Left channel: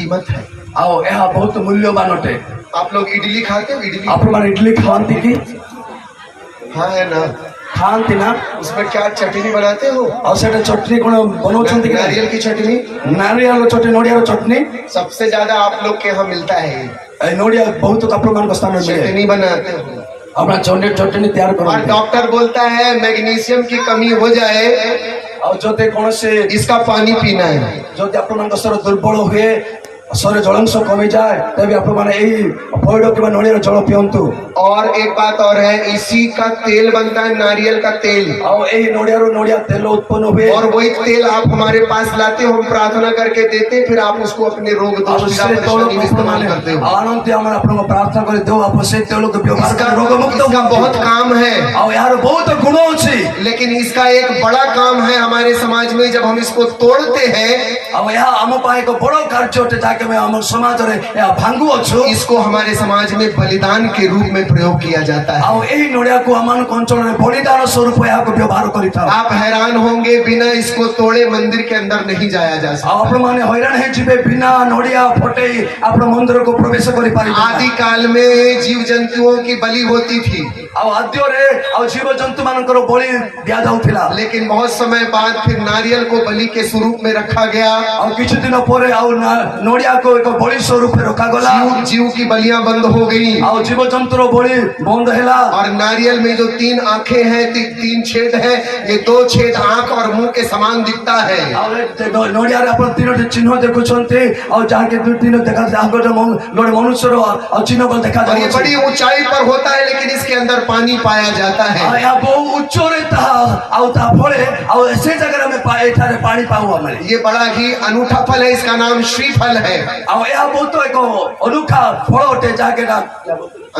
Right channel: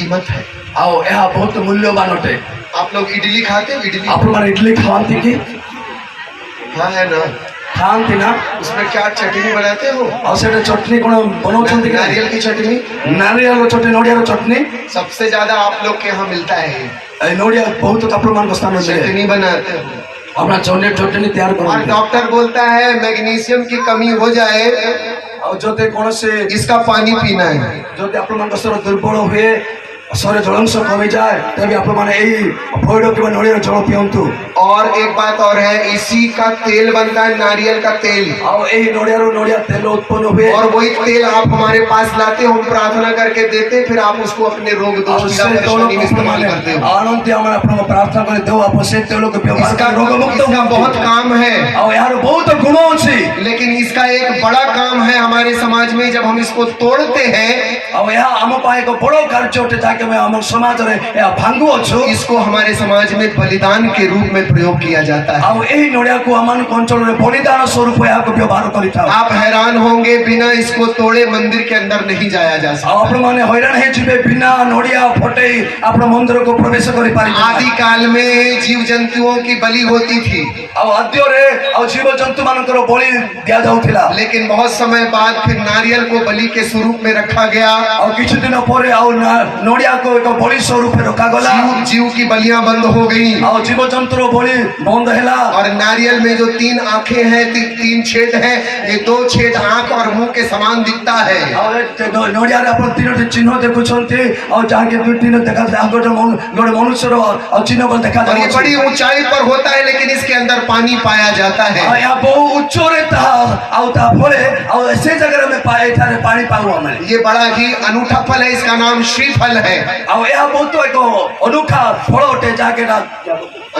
कीमत है। ଆଉ ଏହା ବହୁତ ମୂଲ୍ୟବାନ ଅଟେ। आप लोग इडली खाते हैं? इडली ଆପଣମାନେ ଇଡଲି ଖାଆନ୍ତି କି? हाँ है ना। ଖାଆନ୍ତି ନା? उसमें क्या चटनी बनाते हो? ଆଉ ସେଟା ଚଟନି କଣ ବନାଉଛନ୍ତି କି? नारियल की चटनी। ନାରିୟଳ ଚଟନି, ନଡ଼ିଆର ଚଟନି। सबसे ज्यादा आप लोग के यहाँ मिलता है ये। ଏଇ ନଡ଼ିଆ ବହୁତ ଆପଣମାନଙ୍କ ସ୍ଥାନରେ ମିଳେ। चटनी बनाते हो ଆପଣ ଚଟନି ତିଆରି और କରନ୍ତି। डॉक्टर बोलता है मैग्नीशियम की कमी हो जाए ଆଉ ଯଦି କୌଣସି इसका पानी पीना है। ଯଦି ଆପଣମାନଙ୍କ ଶରୀର ଦୁର୍ବଳ ହୁଏ, ଶରୀର ଜଳାଂଶ କମିଯାଏ, ତେବେ ଆପଣମାନେ ଏଇ ପଇଡ଼ କିମ୍ବା ନଡ଼ିଆର ଜଳ ପିଅନ୍ତୁ। और एक बात और है, इसी का तेल बनता है, नारियल का तेल। ଆଉ ଏଇ ନଡ଼ିଆରୁ ନଡ଼ିଆ ତେଲ ଉତ୍ପନ୍ନ ହୁଏ। और वही तेल आप हमारे पास लाते हो, हम प्रार्थना करके देते, फिर आप उसको अपने रोग दोष ଆଉ पीड़ा ସେ परेशानी में इस्तेमाल ତୈଳକୁ करते हो। ଆଣନ୍ତି, ଆମେ ଆପଣଙ୍କୁ ପ୍ରାର୍ଥନା କରି ଦେଉ, ଆପଣ ସେ ତୈଳକୁ ବ୍ୟବହାର इसका କରି ରୋଗମୁକ୍ତ इसका ହୁଅନ୍ତି। बहुत काम है, ଆଉ ଏହାର ବହୁତ ଗୁଣ ଅଛି। लेकिन इसका एक बड़ा काम है हमारे समाज में, जब हम इसको तोड़ते हैं, ଆଉ ଏହା ଆମ ପାଇଁ ଏକ ବଡ଼ କାର୍ଯ୍ୟ ଅଟେ, ଯାହାକି ଆମେ ଆମ ସମାଜରେ ଏହା ଭାଙ୍ଗୁଅଛୁ। इसको हमारे समाज में बलिदान के रूप में प्रयोग किया जाता है। ଆଉ ଏହି ନଡ଼ିଆକୁ ଆମମାନଙ୍କ ଅଞ୍ଚଳରେ ବଳିଦାନ ସ୍ୱରୂପ ଏହାକୁ ବ୍ୟବହାର କରିଥାଉ। आप हैरान होंगे, बिना इसको तोड़े मंदिर के अंदर नहीं जाया जा ଆଉ सकता। ଆପଣମାନେ ହଇରାଣ ହେଇଯିବେ, ବିନା ନଡ଼ିଆ ଫଟେଇ ଆପଣ ମନ୍ଦିରକୁ ପ୍ରବେଶ କରିପାରିବେ ନାହିଁ। आदि काल में जीव जंतुओं की बलि होती थी, ଆଉ ଆଦ୍ୟରେ ଆଉ ଜୀବଜନ୍ତୁ ମାନଙ୍କର ବଳି ଦିଆଯାଉଥିଲା। लेकिन बहुत समय बाद फिर नारियल को बलि के स्वरूप में रखा गया। ଆଉ କିଛି ଦିନ ପରେ ଆଉ ନଡ଼ିଆକୁ ଏକ ବଳି ସ୍ୱରୂପରେ ରଖାଗଲା। जीव की बलियां बंद हो गई, ଆଉ ଜୀବଜନ୍ତୁର ବଳି ବନ୍ଦ ହେଲା। और नारियल में जो 3 आंखें हैं, 3 छेद हैं, ये 2 छेद आंख और मुंह के समान दिखता है। ଆଉ ନଡ଼ିଆରେ ଆପଣ 3ଟି ଚିହ୍ନ ଦେଖୁଛନ୍ତି, ଆଉ ଯାହାକି 2 ଦେଖାଯାଉଛି। ଆଉ ଗୋଟେ ମନୁଷ୍ୟର ଆଉ ଚିହ୍ନ और ये ଦେଖାଯାଉଛି। बड़ी ऊंचाई पर होता है, लेकिन इसके अंदर पानी पाया जाता है। ଆଉ ଏହା ବହୁ ଉଚ୍ଚରେ ତାହା ଆଉ ତା ଫଳେ ଆଉ ସେ ଜାଗାରେ ଆମେ ଏଠାରେ ପାଣି ପାଉ ଆମେ। ये बड़ा ही अनूठा फल है, इसका नाम श्रीफल है। ଆଉ ଏହା ବହୁତ ଏକ ଅନୁଖା ଫଳ ଅଟେ, ଯାହାକି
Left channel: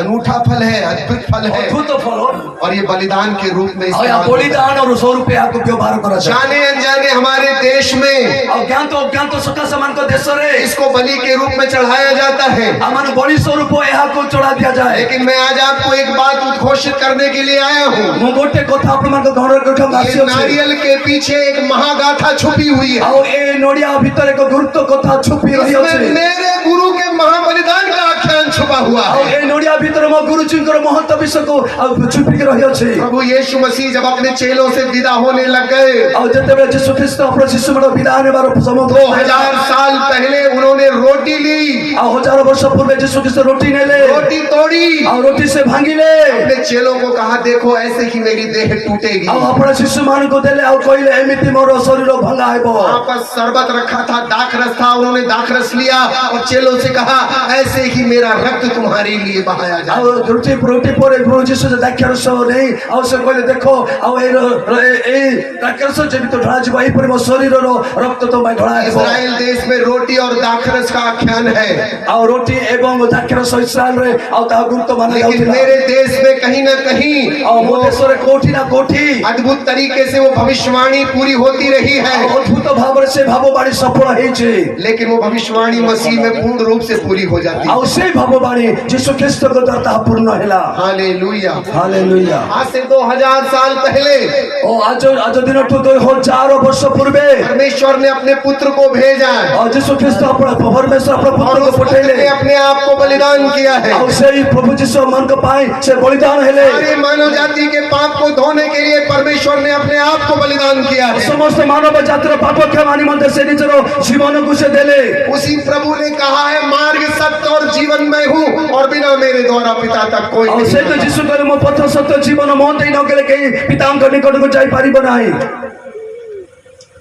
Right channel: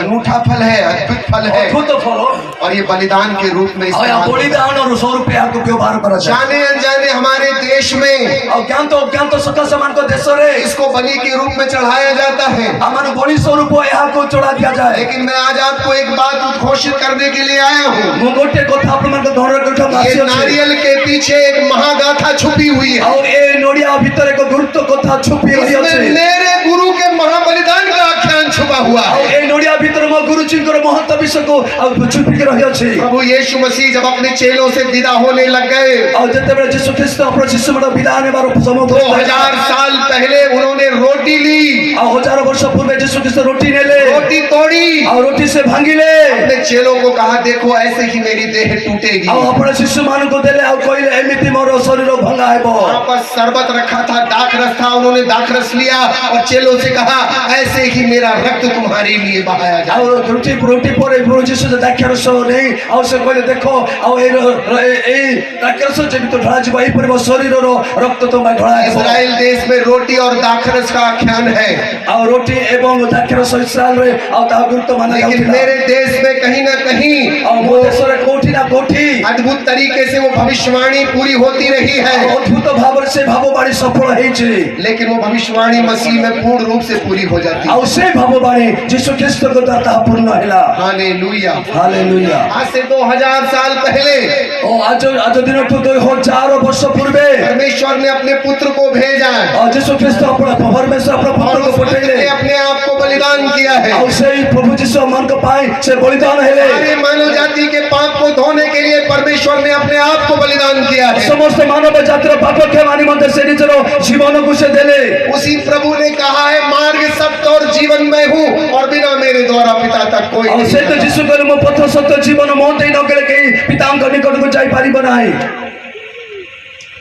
अनूठा फल है, अद्भुत फल है, ଅଦ୍ଭୁତ ଫଳ। और ये बलिदान के रूप में ଆଉ ଏହା इस्तेमाल होता है। ବଳିଦାନର ସ୍ୱରୂପ ଏହାକୁ ବ୍ୟବହାର କରାଯାଏ। जाने अनजाने हमारे देश में ଆଉ ଜ୍ଞାତ ଅଜ୍ଞାତ ସକାଶେ ମାନଙ୍କ ଦେଶରେ इसको बलि के रूप में चढ़ाया जाता है। ଆମର ବଳି ସ୍ୱରୂପ ଏହାକୁ ଚଢା ଦିଆଯାଏ। लेकिन मैं आज आपको एक बात उद्घोषित करने के लिए आया हूँ। ମୁଁ ଗୋଟେ କଥା ଆପଣମାନଙ୍କ ଗଣରେ ये नारियल के पीछे एक महागाथा छुपी हुई है। ଆଉ ଏ ନଡ଼ିଆ ଭିତରେ ଏକ ଗୁରୁତ୍ୱ କଥା ଛୁପି ରହିଅଛି। इसमें मेरे गुरु के महाबलिदान का आख्यान छुपा हुआ ଆଉ है। ଏ ନଡ଼ିଆ ଭିତରେ ମୋ ଗୁରୁଜୀଙ୍କର ମହତ୍ତ୍ୱ ବିଷୟକୁ ଆଉ ଛୁପିକି ରହିଅଛି। प्रभु यीशु मसीह जब अपने चेलों से विदा होने लग गए, ଆଉ ଯେତେବେଳେ ଯୀଶୁ ଖ୍ରୀଷ୍ଟ ଆପଣ ଶିଶୁମାନ ବିଦାୟ ନେବାର ସମୟ 2000 साल पहले उन्होंने रोटी ली, ଆଉ 1000 ବର୍ଷ ପୂର୍ବେ ଯୀଶୁ ଖ୍ରୀଷ୍ଟ ରୋଟି ନେଲେ, रोटी तोड़ी, ଆଉ ରୋଟି ସେ ଭାଙ୍ଗିଲେ, अपने चेलों को कहा, देखो ऐसे ही मेरी देह टूटेगी। ଆଉ ଆପଣ ଶିଶୁମାନଙ୍କୁ ଦେଲେ ଆଉ କହିଲେ ଏମିତି ମୋର ଶରୀର ଭଙ୍ଗା ହେବ। वहां पर शरबत रखा था, दाखरस था, उन्होंने दाखरस लिया और चेलों से कहा, ऐसे ही मेरा रक्त तुम्हारे लिए बहाया ଆଉ जाए। ରୋଟି ପରେ ପ୍ରଭୁ ଯୀଶୁ ଦ୍ରାକ୍ଷାରସ ନେଇ ଆଉ ସେ କହିଲେ, ଦେଖ ଆଉ ଏଇ ଦ୍ରାକ୍ଷାରସ ଯେମିତି ଢଳାଯିବ, ଏହିପରି ମୋ ଶରୀରର ରକ୍ତ ତୁମ ପାଇଁ ଢଳା ହେବ। इस्राएल देश में रोटी और दाखरस का आख्यान है, ଆଉ ରୋଟି ଏବଂ ଦ୍ରାକ୍ଷାରସ ଇସ୍ରାଏଲରେ ଆଉ ତାହା ଗୁରୁତ୍ୱ ମାନା लेकिन ଯାଉଥିଲା। मेरे देश में कहीं ना कहीं ଆଉ ମୋ ଦେଶରେ କୋଉଠି ନା କୋଉଠି अद्भुत तरीके से वो भविष्यवाणी पूरी होती रही है, ଅଦ୍ଭୁତ ଭାବରେ ସେ ଭାବବାଣୀ ସଫଳ ହେଇଛି। लेकिन वो भविष्यवाणी मसीह में पूर्ण रूप से पूरी हो जाती है। ଆଉ ସେ ଭାବବାଣୀ ଯୀଶୁ ଖ୍ରୀଷ୍ଟଙ୍କ ଦ୍ୱାରା ତାହା ପୂର୍ଣ୍ଣ ହେଲା। हालेलुया। ହାଲେଲୁୟା। आज से 2000 साल पहले ଓ ଆଜ ଦିନଠୁ 2000 ବର୍ଷ ପୂର୍ବେ परमेश्वर ने अपने पुत्र को भेजा ଆଉ ଯୀଶୁ ଖ୍ରୀଷ୍ଟ ଆପଣ ପରମେଶ୍ୱର ଆପଣ और ପୁତ୍ରକୁ ପଠେଇଲେ। उसने अपने आप को बलिदान किया है। ଆଉ ସେଇ ପ୍ରଭୁ ଯୀଶୁ ମାନଙ୍କ ପାଇଁ ସେ ବଳିଦାନ ହେଲେ। सारी मानव जाति के पाप को धोने के लिए परमेश्वर ने अपने आप को बलिदान किया है। ସମସ୍ତ ମାନବ ଜାତିର ପାପ କ୍ଷମା ନିମନ୍ତେ ସେ ନିଜର ଜୀବନକୁ ସେ ଦେଲେ। उसी प्रभु ने कहा है, मार्ग सत्य और जीवन मैं हूँ, और बिना मेरे द्वारा पिता तक कोई ଆଉ नहीं ସେ ତ जाता। ଯୀଶୁ କହିଲେ, ମୋ ପଥ ସତ୍ୟ ଜୀବନ ମୋ ଦେଇ ନଗଲେ କେହି ପିତାଙ୍କ ନିକଟକୁ ଯାଇପାରିବ ନାହିଁ।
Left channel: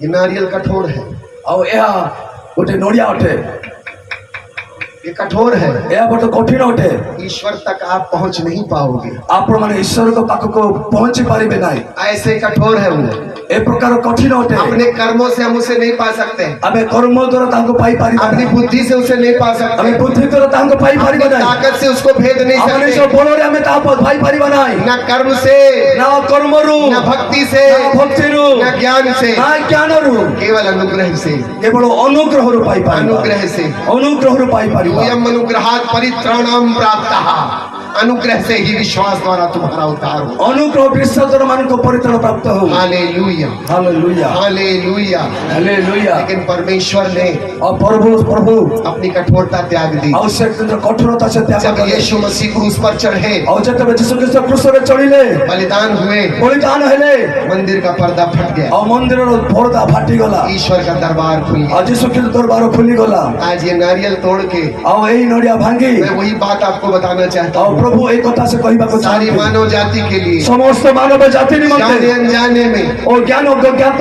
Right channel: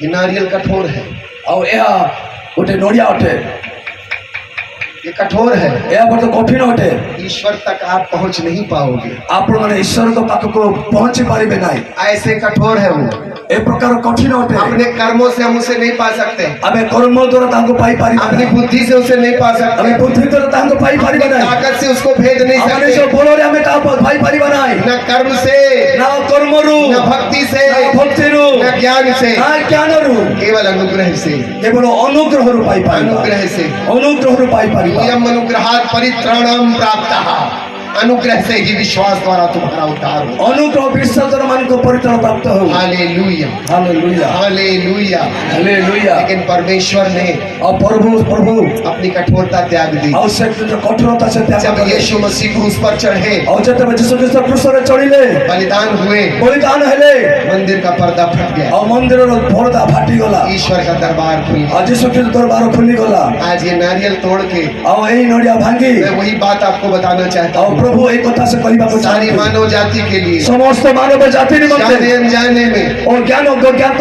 ये नारियल कठोर है, ଆଉ ଏହା ଗୋଟେ ନଡ଼ିଆ ଅଟେ, ये कठोर है, ଏହା ବହୁତ କଠିନ ଅଟେ। ईश्वर तक आप पहुंच नहीं पाओगे। ଆପଣମାନେ ଈଶ୍ୱରଙ୍କ ପାଖକୁ ପହଞ୍ଚି ପାରିବେ ନାହିଁ। ऐसे कठोर है वो, ଏ ପ୍ରକାର କଠିନ ଅଟେ। अपने कर्मों से हम उसे नहीं पा सकते, ଆମେ କର୍ମ ଦ୍ୱାରା ତାଙ୍କୁ ପାଇପାରିବା अपनी ନାହିଁ। बुद्धि से उसे नहीं पा ଆମେ सकते, ବୁଦ୍ଧି ଦ୍ୱାରା ତାଙ୍କୁ ପାଇପାରିବା अपनी ନାହିଁ। ताकत से उसको भेद नहीं ଆମେ ନିଜ सकते, ବଳରେ ଆମେ ତାହା ପାଇପାରିବା ନାହିଁ। न कर्म से, ନା କର୍ମରୁ, न भक्ति से, ନା ଭକ୍ତିରୁ, न ज्ञान से, ନା ଜ୍ଞାନରୁ, केवल अनुग्रह से, କେବଳ ଅନୁଗ୍ରହରୁ ପାଇପାରିବା। अनुग्रह से। ଅନୁଗ୍ରହରୁ ପାଇପାରିବା। यम अनुग्रहात् परित्राणम प्राप्तः। अनुग्रह से ही विश्वास द्वारा तुम्हारा उद्धार हो। अनुग्रह বিশ্বাস দ্বারা মানুষ পরিত্রাণ প্রাপ্ত হোক। Hallelujah hallelujah hallelujah. हालेलुया। लेकिन परमेश्वर ने और प्रभु अपनी कठोरता त्याग दी। आवश्यक जो कठोरता से त्याग जब कले यीशु मसीह क्रूस पर चढ़े, और जब यीशु ख्रीष्ट क्रूसरे चढ़िले बलिदान हुए, बलिदान हेले मंदिर का पर्दा फट गया, और मंदिर पर्दा फाटी गला, ईश्वर का दरबार खुल गया। और यीशु ख्रीष्ट दरबार खुली गला। आज ये नारियल तोड़ के और यही नड़िया भांगी मैं वही बात आपको बताना चाहता और हूँ। प्रभु एक कथा से कहबा को सारी चाहते मानव जाति के लिए समस्त मानव जाति निमंत्रण जाने अनजाने में और ज्ञान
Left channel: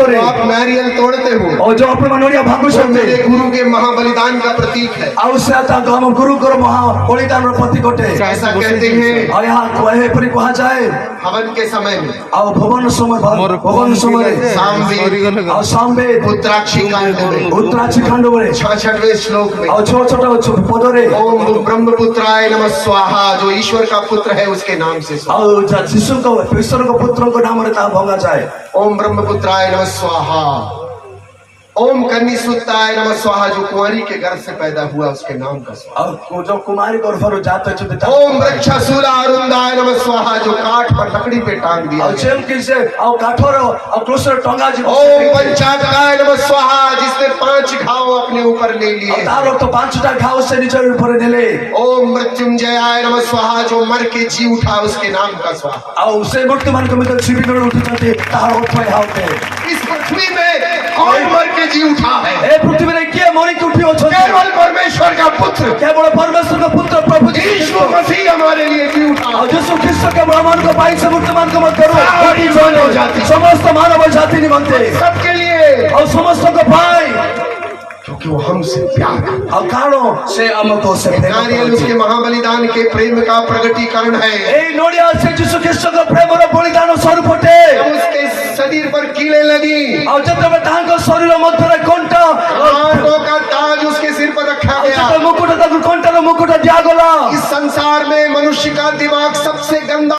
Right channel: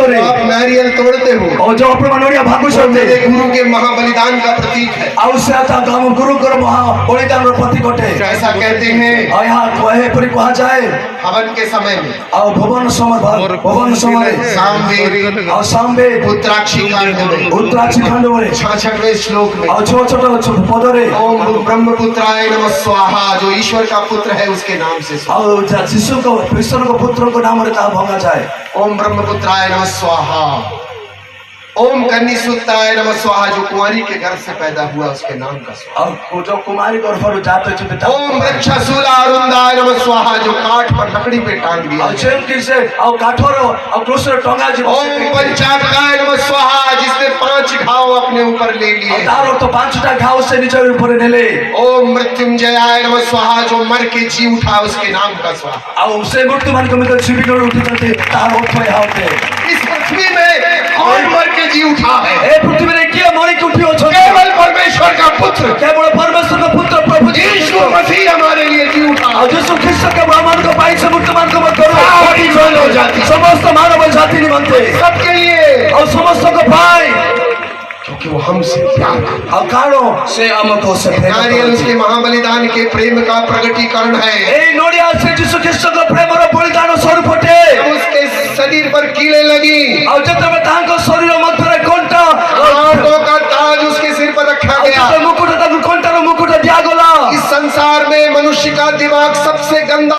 रे आप नारियल तोड़ते हो, और जो अपने नड़िया भांगु वो सकते मेरे गुरु के महाबलिदान का प्रतीक है। आवश्यकता हम गुरु कर महा बलिदान रो प्रतीक अटे। ऐसा कहते हैं और यहाँ कहे पर कहा जाए हवन के समय में और भवन समय सामवेद और सामवेद उत्तराक्षी कांड में उत्तराक्षी खंड में 66वें श्लोक में और छोटा पद रे ओम ब्रह्मपुत्राय नमः स्वाहा, जो ईश्वर का पुत्र है उसके नाम से स्वाहा। और शिशु को ईश्वर को पुत्र को नाम रे ता भंगा जाए। ओम ब्रह्मपुत्राय नमः स्वाहा, ओम कन्यासुताय नमः स्वाहा, जो कुंवारी के गर्भ से पैदा हुआ उसके नाम का स्वाहा। और जो कुमारी गर्भ रो जाते छुटे ओम वृक्षशूला अरुंदाय नमः स्वाहा, जो काठ पर लकड़ी पे टांग दिया और गया। जेम की से और काठोर और क्रूसर टंगा जी ओम पंचाकाय नमः स्वाहा, जिसने 5 घाव अपने ऊपर ले लिए। तारो तो 5टा घाव से नीचे ऊपर नेले। ओम मृत्युंजयाय नमः स्वाहा, जो मर के जी उठा उसके नाम का स्वाहा। और उसे मृत्यु मन को मित्र छिपी कर उठी करते ता उठे हाते। इस पृथ्वी में कौन मर के जी उठा है? ए पृथ्वी रे किए मरी के उठी अछन? केवल परमेश्वर का पुत्र, केवल परमेश्वर का पुत्र प्रभु यीशु मसीह हमारे लिए जी उठा। और यीशु ख्रीष्ट के ब्राह्मण को पाई से मुक्त मान को मत करो सारी मानव जाति, समस्त मानव जाति निमंत्रण सबके लिए, और समस्त को पाई क्योंकि वो हमसे प्यार करता और कारो से हमको से है। नारियल उसके महाबलिदान के प्रेम का प्रगटीकरण है। ए नोडिया से यीशु ख्रीष्ट को प्रेम रो बलिदान स्वरूप होते। जब उसके शरीर पर कीलें लगी, और जब तक तांको शरीर मध्य रे कोंटा कांटों का ताज उसके सिर पर रखा गया। मुकुट तक कोंटा रो मुकुट दिया गला। इस संसार में मनुष्य का दिमाग सबसे गंदा